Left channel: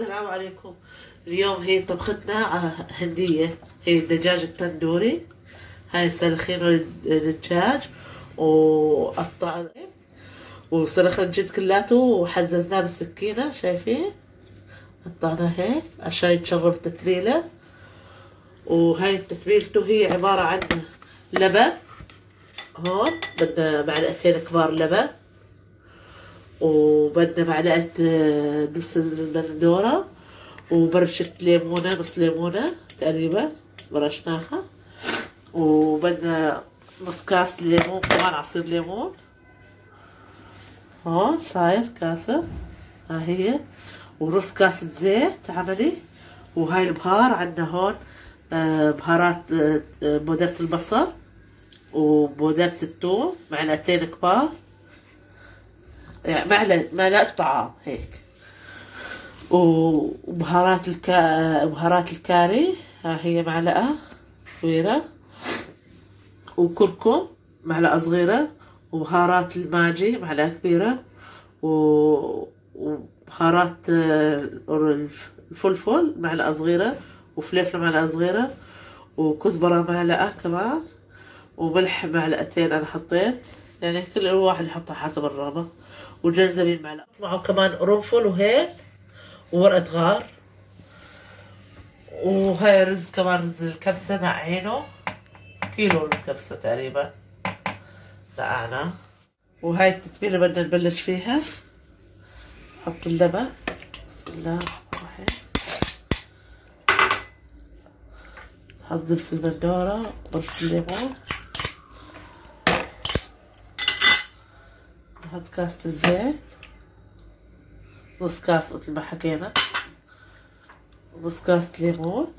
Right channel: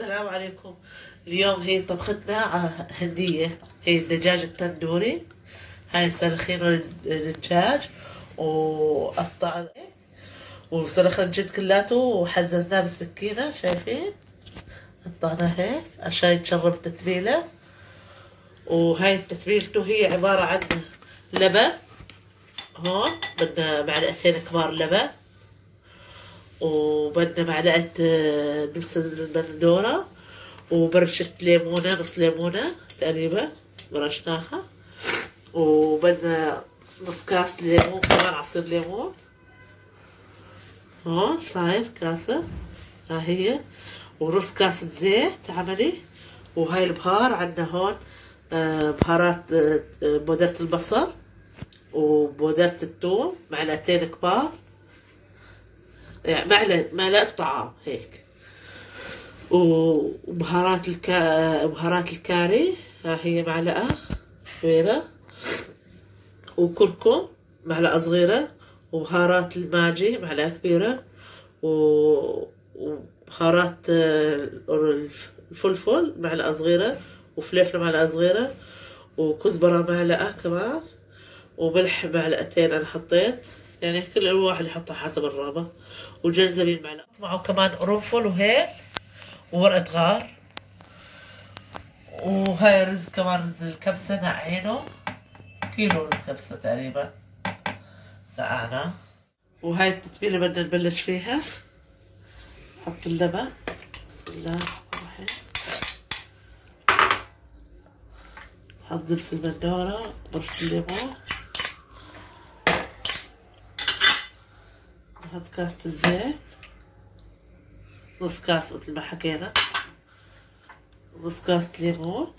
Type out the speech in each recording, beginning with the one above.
السلام عليكم. اليوم هي طبختنا هندية، هي الدجاج التندوري. هاي سلخين الدجاج وقطعنا وسلخنا الجلد كلاته وحززناه بالسكينة، شايفين؟ قطعناه هيك عشان يتشرب التتبيلة. وهاي التتبيلته هي عبارة عن لبن، هون بدنا معلقتين كبار لبن، وبدنا معلقة نص البندورة، وبرشة ليمونة، نص ليمونة تقريبا برشناها، وبدنا نص كاس ليمون كمان، عصير ليمون. هون صاير كاسة، ها هي، ونص كاسة زيت عملي. وهاي البهار عندنا هون بهارات بودرة البصل وبودرة الثوم معلقتين كبار، يعني معلقة طعام هيك. وبهارات بهارات الكاري، ها هي معلقة كبيرة، وكركم معلقة صغيرة، وبهارات الماجي معلقة كبيرة، وبهارات الفلفل معلقة صغيرة، وفلفل معلقة صغيرة، وكزبرة معلقة كمان، وملح معلقتين أنا حطيت، يعني كل واحد يحطها حسب الرغبة، وجنزبيل معلقة، معه كمان قرنفل وهيل وورقة غار. وهاي رز كمان، رز الكبسة نقعينه، كيلو رز كبسة تقريبا نقعنا. وهاي التتبيلة بدنا نبلش فيها. نحط اللبن، بسم الله الرحمن الرحيم، نحط دبس البندورة، برش الليمون، نحط كاسة الزيت، نص كاس مثل ما حكينا، نص كاسة ليمون،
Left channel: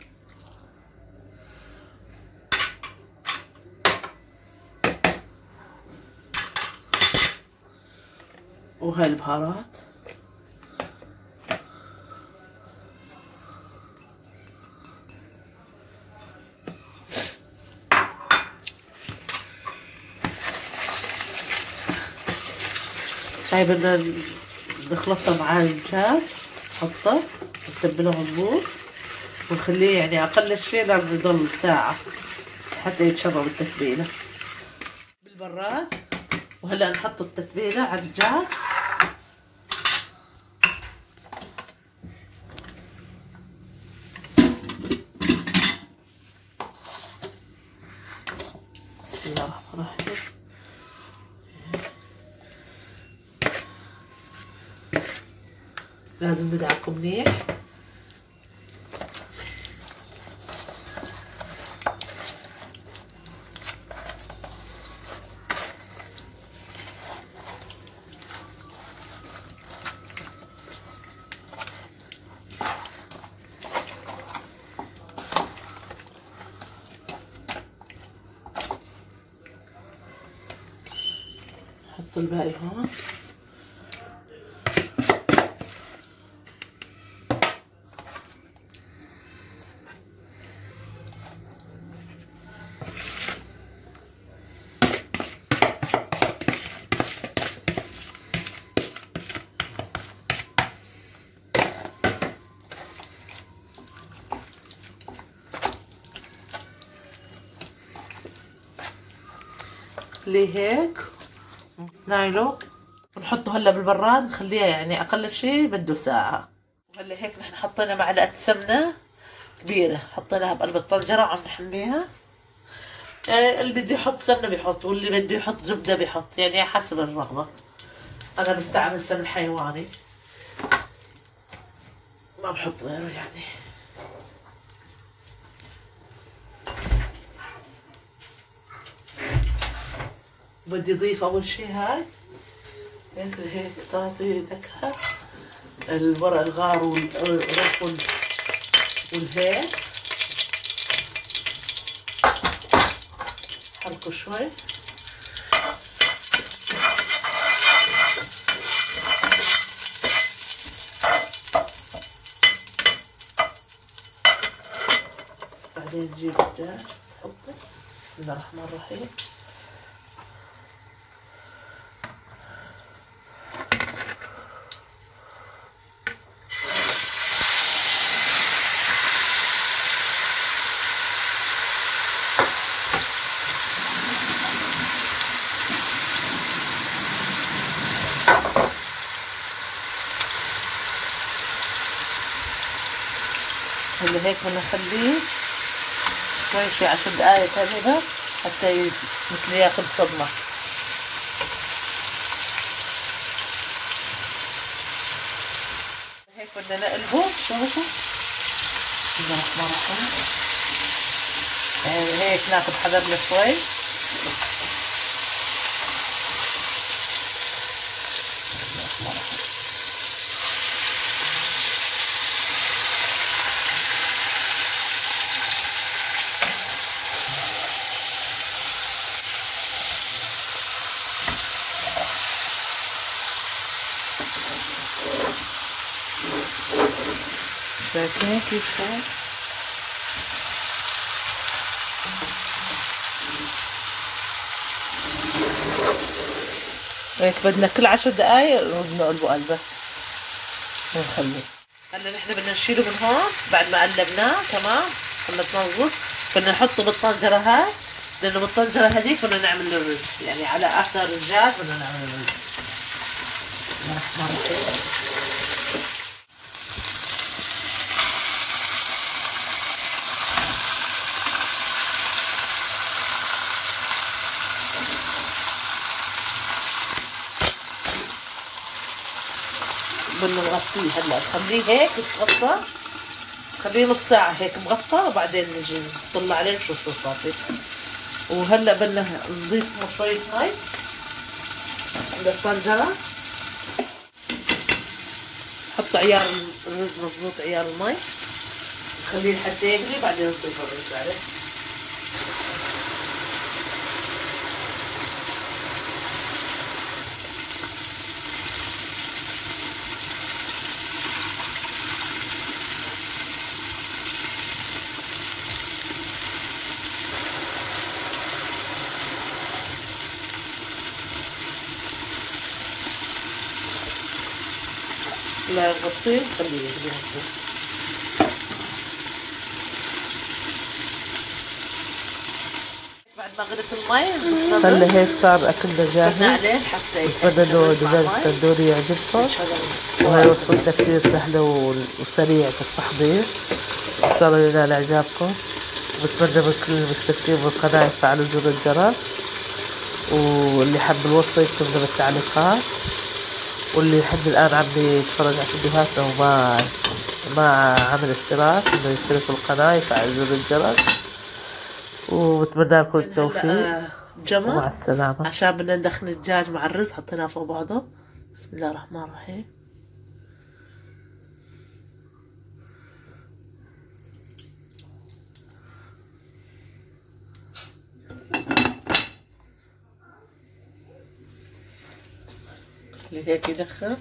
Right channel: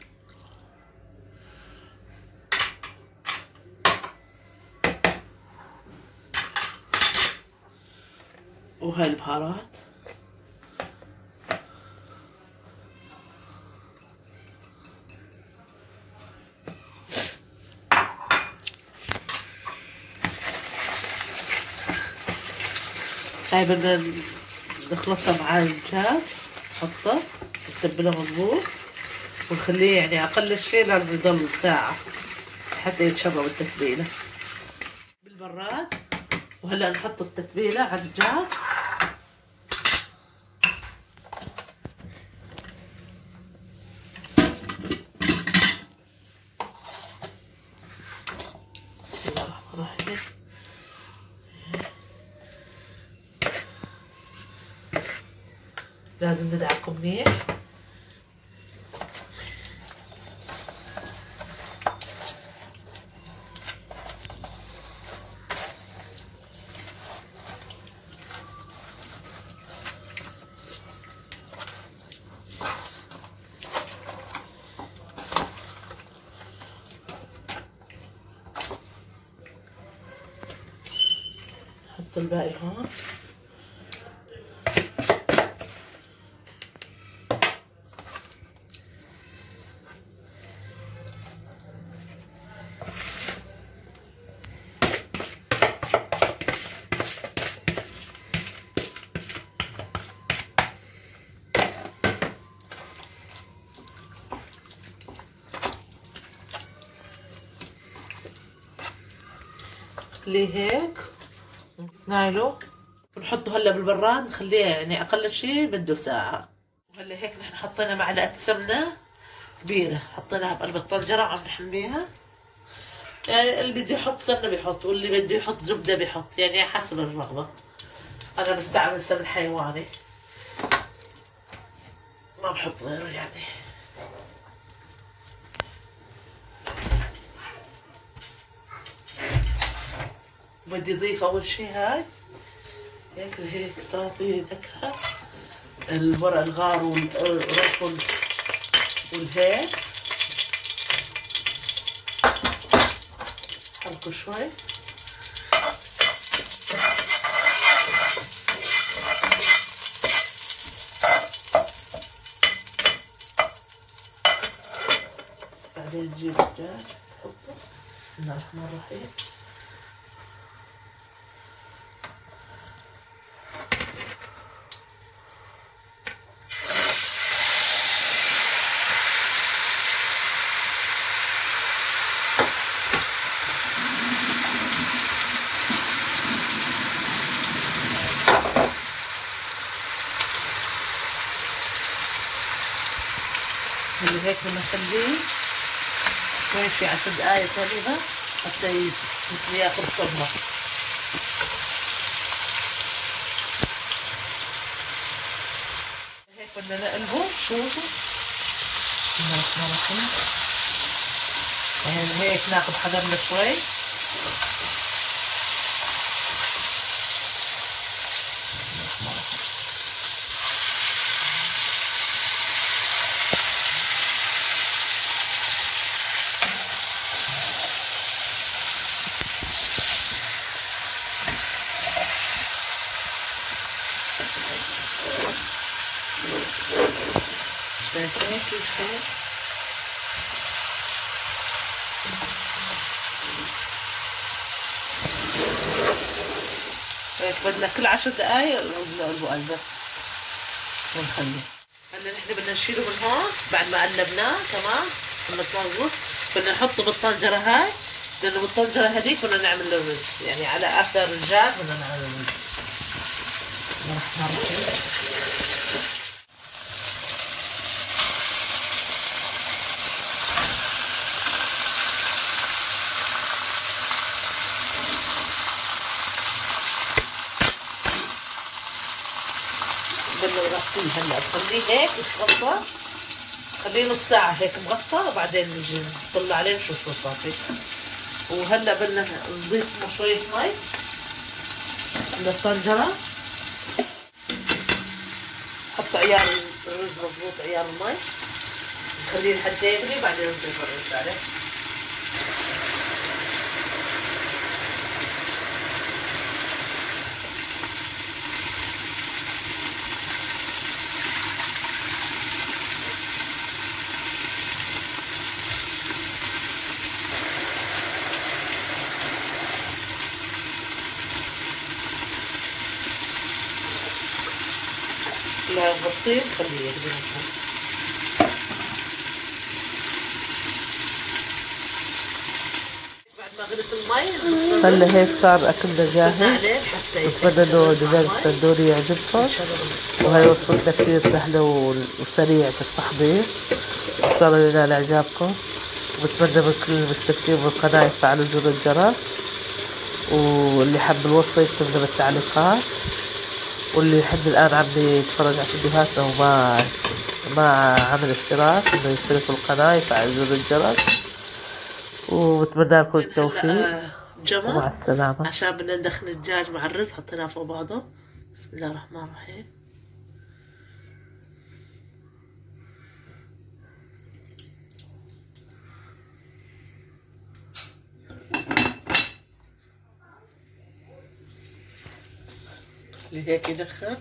وهاي البهارات. هاي بدنا نخلطها مع الدجاج، نحطه نتبله مضبوط، ونخليه يعني أقل شيء لازم يضل ساعة حتى يتشرب التتبيلة بالبراد. وهلا نحط التتبيلة على الدجاج. بسم الله الرحمن الرحيم. لازم ندعكه منيح. نحط الباقي هون. نخليه هيك ونسنايله، ونحطه هلا بالبراد، نخليها يعني اقل شيء بده ساعة. وهلا هيك نحن حطينا معلقة سمنة كبيرة، حطيناها بقلب الطنجرة وعم نحميها. يعني اللي بده يحط سمنة بيحط، واللي بده يحط زبدة بيحط، يعني حسب الرغبة. انا بستعمل سمن حيواني، ما بحط غيره يعني. بدي اضيف اول شي هاي هيك تعطي نكهة، الورق الغار والقرنفل والهيل، حركه شوي. بعدين نجيب الدجاج نحطه، بسم الله الرحمن الرحيم. هيك بدنا نخليه شوي شي 10 دقايق هذا حتى مثل ياخذ صدمة. هيك بدنا نقلبه. شوفوا يعني هيك ناخذ حذرنا شوي. شايفين كيف هيك بدنا كل 10 دقايق نقلبه قلبه ونخليه. هلا نحن بدنا نشيله من هون بعد ما قلبناه تمام. بدنا ننظف بدنا نحطه بالطنجرة هاي، لأنه بالطنجرة هذيك بدنا نعمل الرز، يعني على آخر الجاز بدنا نعمل الرز. بدنا نغطيه هلا، نخليه هيك يتغطى، خليه نص ساعة هيك مغطى وبعدين نجي نطلع عليه نشوف شو صار فيه. وهلا بدنا نضيف شوية مي للطنجرة. نحط عيار الرز مضبوط، عيار المي، نخليه لحد يغلي بعدين نضيف الرز عليه. لا نغطيه نخليه يغلي مضبوط. بعد ما غلت المي هلا هيك صار اكلنا جاهز. بتمنى انه دجاج التندوري يعجبكم، وهي وصفتنا كتير سهلة وسريعة التحضير، ان شاء الله ينال اعجابكم. وبتمنى من كل المشتركين بالقناة يفعلوا زر الجرس، واللي حب الوصفة يكتب لنا بالتعليقات، واللي لحد الآن عم يتفرج على فيديوهاتنا وما عمل اشتراك انه يشترك بالقناة يفعل زر الجرس. وبتمنى لكم التوفيق ومع السلامة. عشان بدنا ندخل الدجاج مع الرز حطيناه فوق بعضه. بسم الله الرحمن الرحيم. هيك يدخل.